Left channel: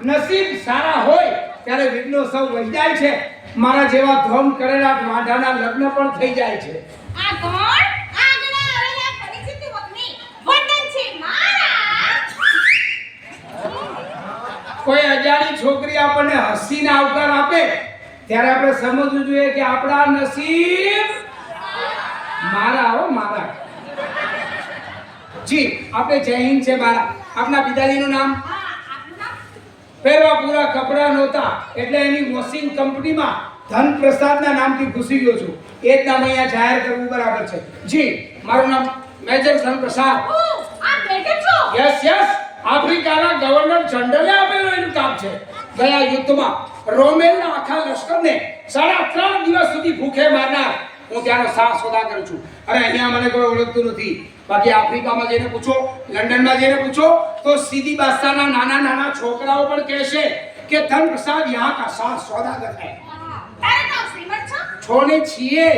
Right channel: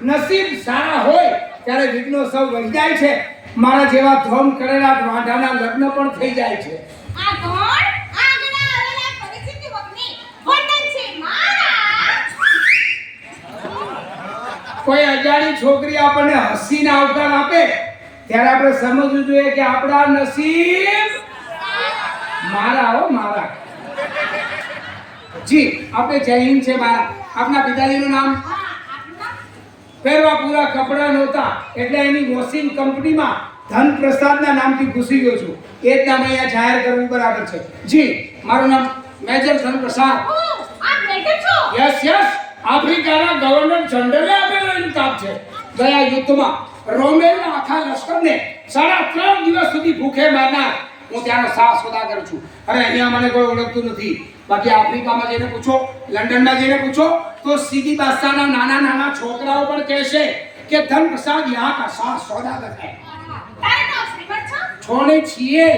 નસીબ સારા હોય ત્યારે વિઘ્નો સૌ વહી જાય છે. મારા જેવા ધોમ કરેલા વાંઢાના લગ્ન પણ થઈ જાય છે. આ કોણ? આગલા આવેલા પરિસ્થિતિ વગની વંદન છે મારા. કોઈ અજાણી છોકરી આપણને હસીને આવકાર આપે ત્યારે આપણે સમજવું જોઈએ કે આપણા નસીબ મારા હો મારા. જી આપણે જય હિન્દ છે મારા. આપના પિતાજીનું નામ? હા, આપનું નામ? પહેરવા પૂરા કપડા નહોતા એટલે એની વોશિંગ કંપનીમાં ધનપ્રસાદના નામથી ઘૂસી ગયો છું. એ જ નામ અહીંયા જાહેર કરવું બરાબર છે. જી મારું નામ મેજર ધનપ્રસાદ. ઓહ, આપ મેજર છો? યસ યસ, આફ્રિકાના ગવર્નર જનરલે આપેલો ઇન્કમ છે. ગયા યુદ્ધમાં રોમેલના આખા લશ્કરને 3.5 દિવસ સુધી ભૂખે મારનાર હું ત્યાંનો સાહ સોદાગર છું. અરે અહીંયા મને કોઈ ઓળખતું નથી. બાકી આફ્રિકામાં જઈને પૂછો, લંડનમાં જઈને પૂછો તો સીધી બાદશાહના નાના નાના છોકરાઓ પણ કહેશે કે ધનપ્રસાદ યહાં કા સાહ સોદાગર હૈ. તારે તો શ્રીમંત છો? છોને છીએ.